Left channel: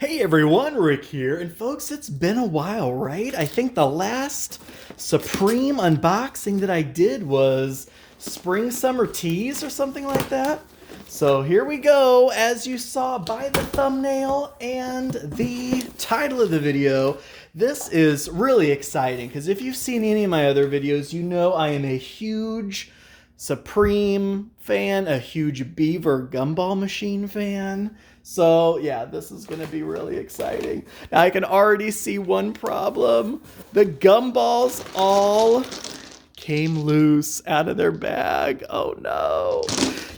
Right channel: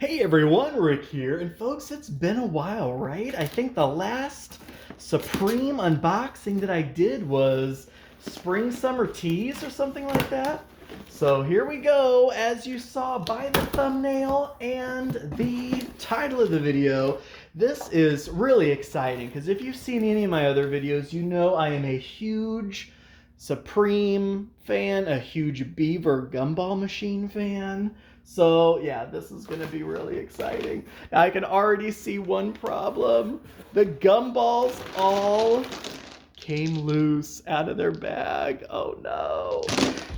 Hey everyone, Rick here, and folks, it's been a while, right? I think the last Supreme unboxing that I did was Spring Summer Teas or something like that. So here we go, as you saw by the thumbnail and the title of the video. This is really exciting because if you've seen any of my other videos, you know I am a huge Supreme fan, a huge Beaver Gumball machine fan. So yeah, this is going to be really exciting. Now I can already see one problem. The gumballs all came loose out of their bag. Oh no.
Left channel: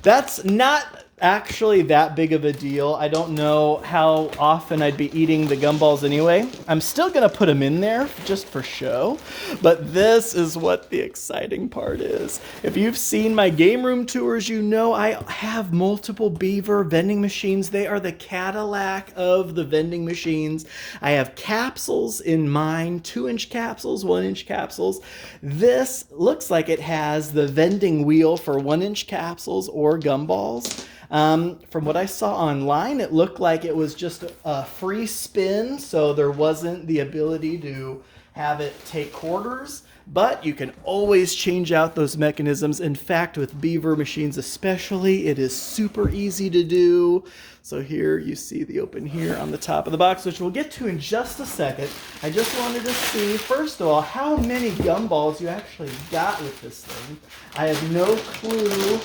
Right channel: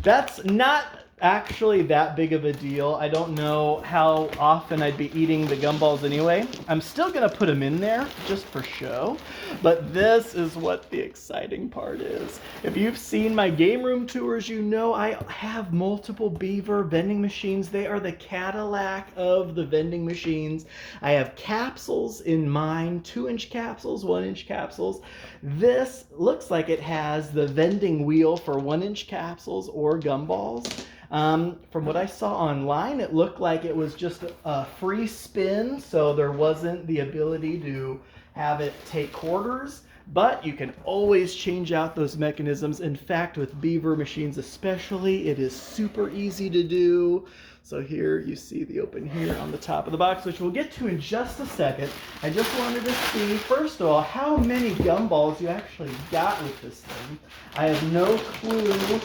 That's not actually that big of a deal. I don't know how often I'd be eating the gumballs anyway. I'm still gonna put them in there just for show, but this is what the exciting part is. If you've seen my game room tours, you know I have multiple Beaver vending machines. They are the Cadillac of the vending machines. I have capsules in mine, 2-inch capsules, 1-inch capsules. This looks like it has the vending wheel for 1-inch capsules or gumballs. From what I saw online, it looked like it was just a free spin, so there wasn't the ability to have it take quarters, but you can always change out those mechanisms. In fact, with Beaver machines especially, it is super easy to do. So here you see the open here on the top of the box, which we'll get to in just a second. I just wanted to see, first of all, how many gumballs you actually got with this thing. I have no clue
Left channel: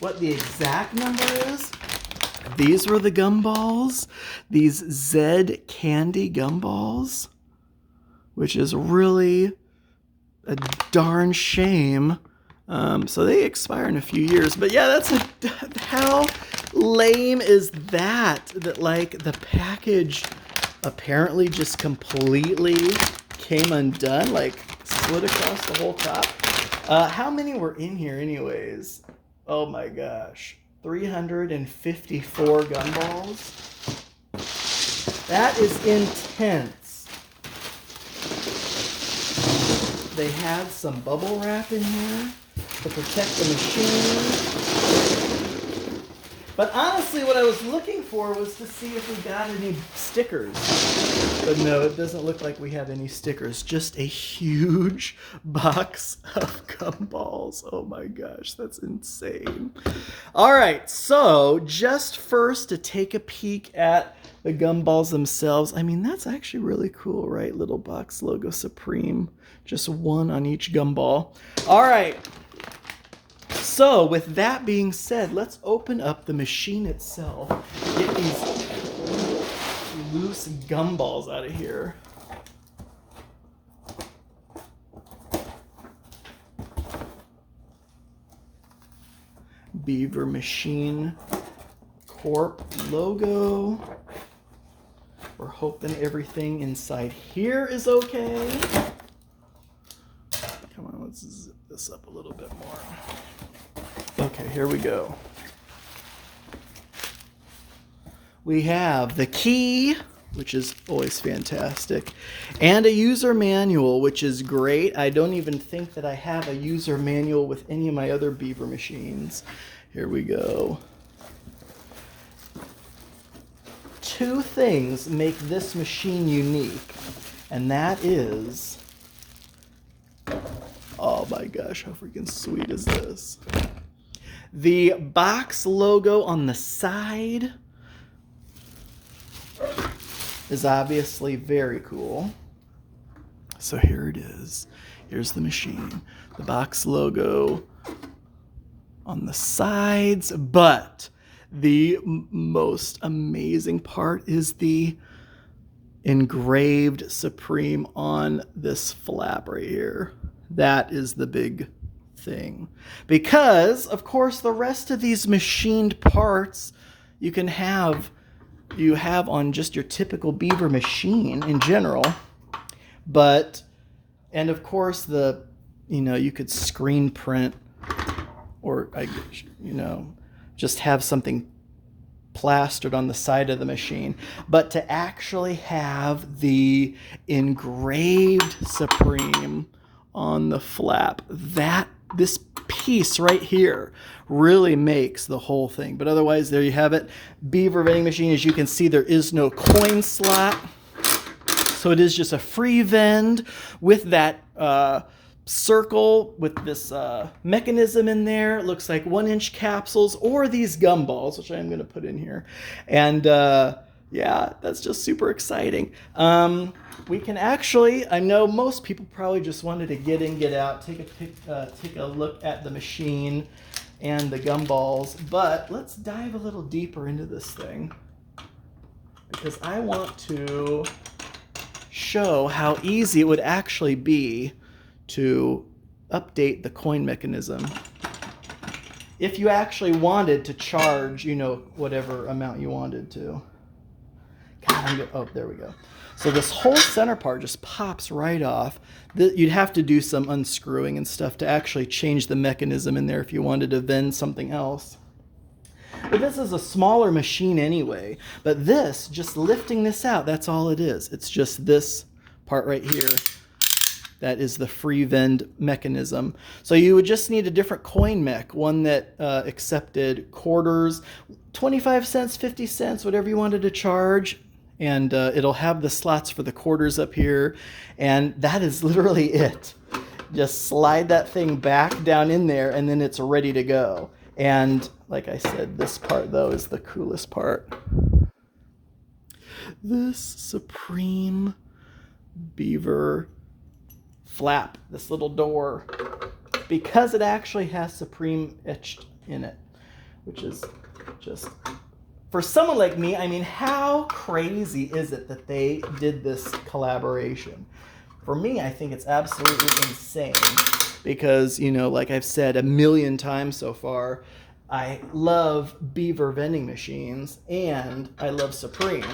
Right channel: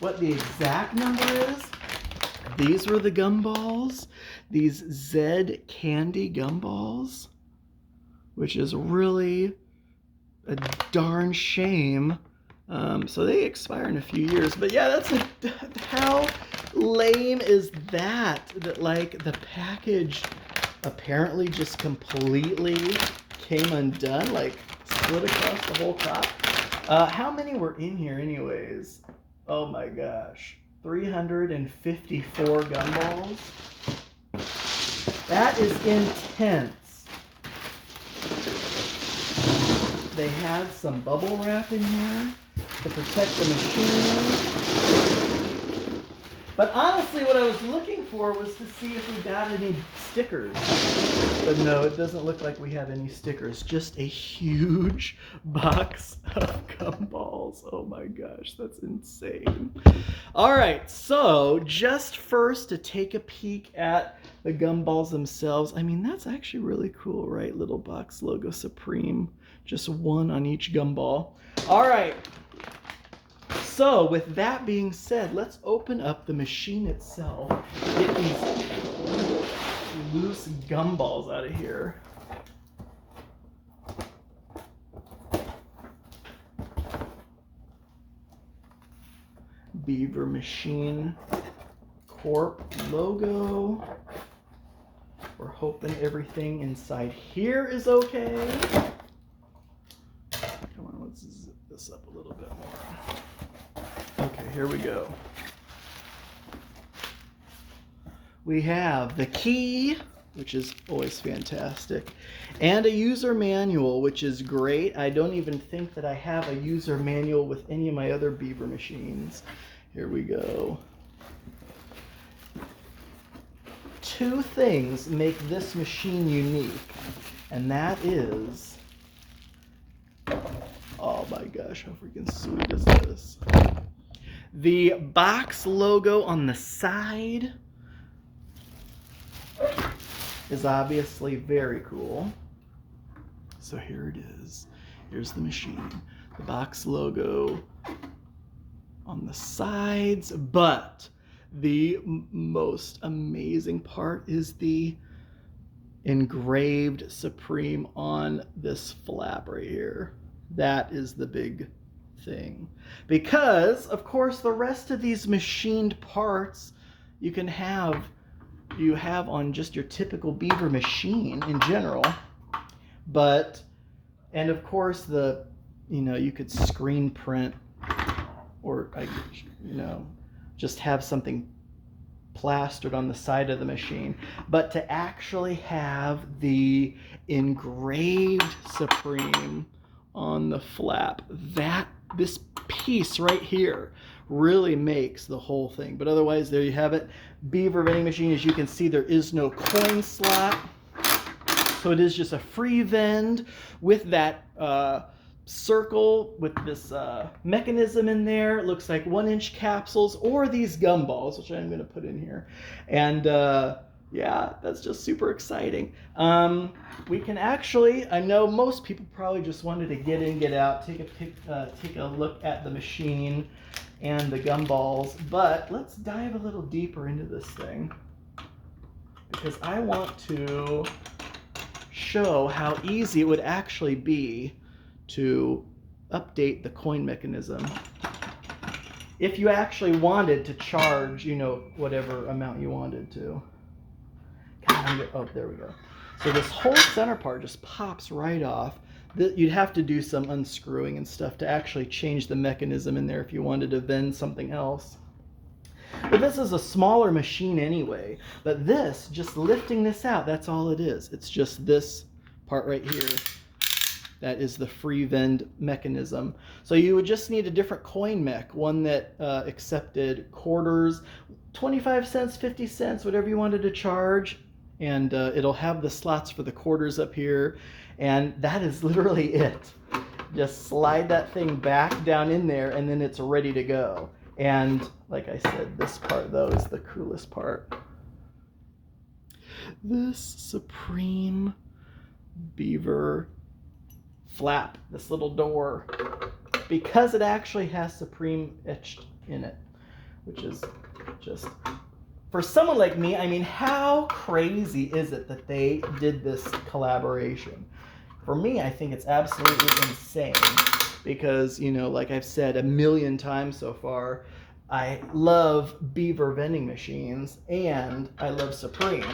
what the exact number is. These were the gumballs, these Z candy gumballs, which is really a darn shame. So they expire in a few years, but yeah, that's how lame is that? That like the package apparently just completely came undone, like split across the whole top. How many were in here anyways? Oh my gosh, 354 gumballs. That is intense. They had some bubble wrap in here to protect the machine. But honestly, what I was looking for was to see if we got any stickers. But no, it doesn't look like we have any stickers. Just a huge box of gumballs. Oh my gosh, that's insane. All right, so just first to take a peek at the gumballs themselves. I mean, that's actually really cool, right? Little box logo Supreme. Just one on each gumball. All right. So with that being said, let's open up the machine itself. Get these loose gumballs out of here. Beaver Machine Corp logo. We're hoping everything inside here is okay. Come on, let's zip this up a little bit more. Okay, here we go. We have the key, which is always fantastic, and a user manual, which is great. I don't even think that I have a user manual with any of my other Beaver machines. Here we go. Two things make this machine unique, and that is, oh my gosh, how freaking sweet is this? The box logo on the side is obviously very cool. So here it is. Here's the machine. The box logo on the sides, but the most amazing part is the engraved Supreme on this flap right here. That is the big thing, because of course the rest of these machined parts you have on just your typical Beaver machine in general, but and of course the you could screen print or just have something plastered on the side of the machine, but to actually have the engraved Supreme on the flap, that this piece right here really makes the whole thing. But otherwise, there you have it. Beaver vending machine. As you can see, there is no coin slot. So it is just a free vend with that circle with this mechanism in there. It looks like 1-inch capsules or these gumballs, which I'm going to put in here. And yeah, that's just super exciting. We can actually, I know most people probably just wanted to get in, get out, take a look at the machine and the gumballs, but let's dive a little deeper into this thing because I want to show how easy it would actually be to update the coin mechanism if you actually wanted to charge, you know, whatever amount you wanted to. Oh, there we go. So this whole center part just pops right off. You'd have to do some unscrewing and stuff to actually change the mechanism in there if you wanted to vend something else. But this is a smaller machine anyway. But this, just lifting this out, that's all it is. It's just this part right here. That is the free vend mechanism. So you would just need a different coin mech, one that accepted quarters, 25 cents, 50 cents, whatever you wanted to charge. And it'll have the slots for the quarters up here. And that is literally it. Just slide that thing back down in there and then it's ready to go. And like I said, this part though is the coolest part. This Supreme Beaver flap, this little door, because it actually has Supreme etched in it, which is just, for someone like me, I mean, how crazy is it that they did this collaboration? For me, I think it's absolutely insane because, you know, like I've said a million times so far, I love Beaver vending machines and I love Supreme.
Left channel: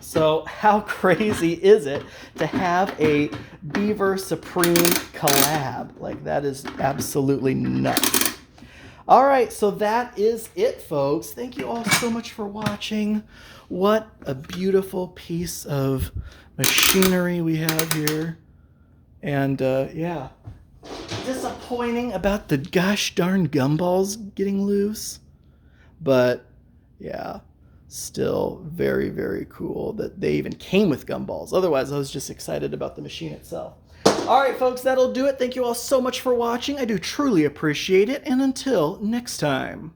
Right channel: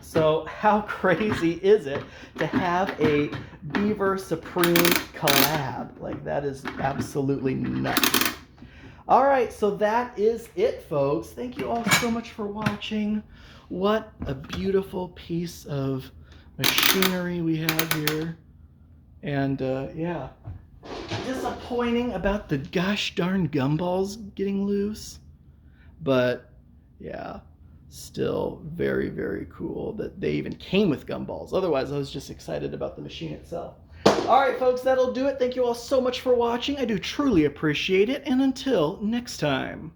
So how crazy is it to have a Beaver Supreme collab? Like, that is absolutely nuts. All right, so that is it, folks. Thank you all so much for watching. What a beautiful piece of machinery we have here. And yeah, disappointing about the gosh darn gumballs getting loose. But yeah, still very, very cool that they even came with gumballs. Otherwise, I was just excited about the machine itself. All right, folks, that'll do it. Thank you all so much for watching. I do truly appreciate it. And until next time.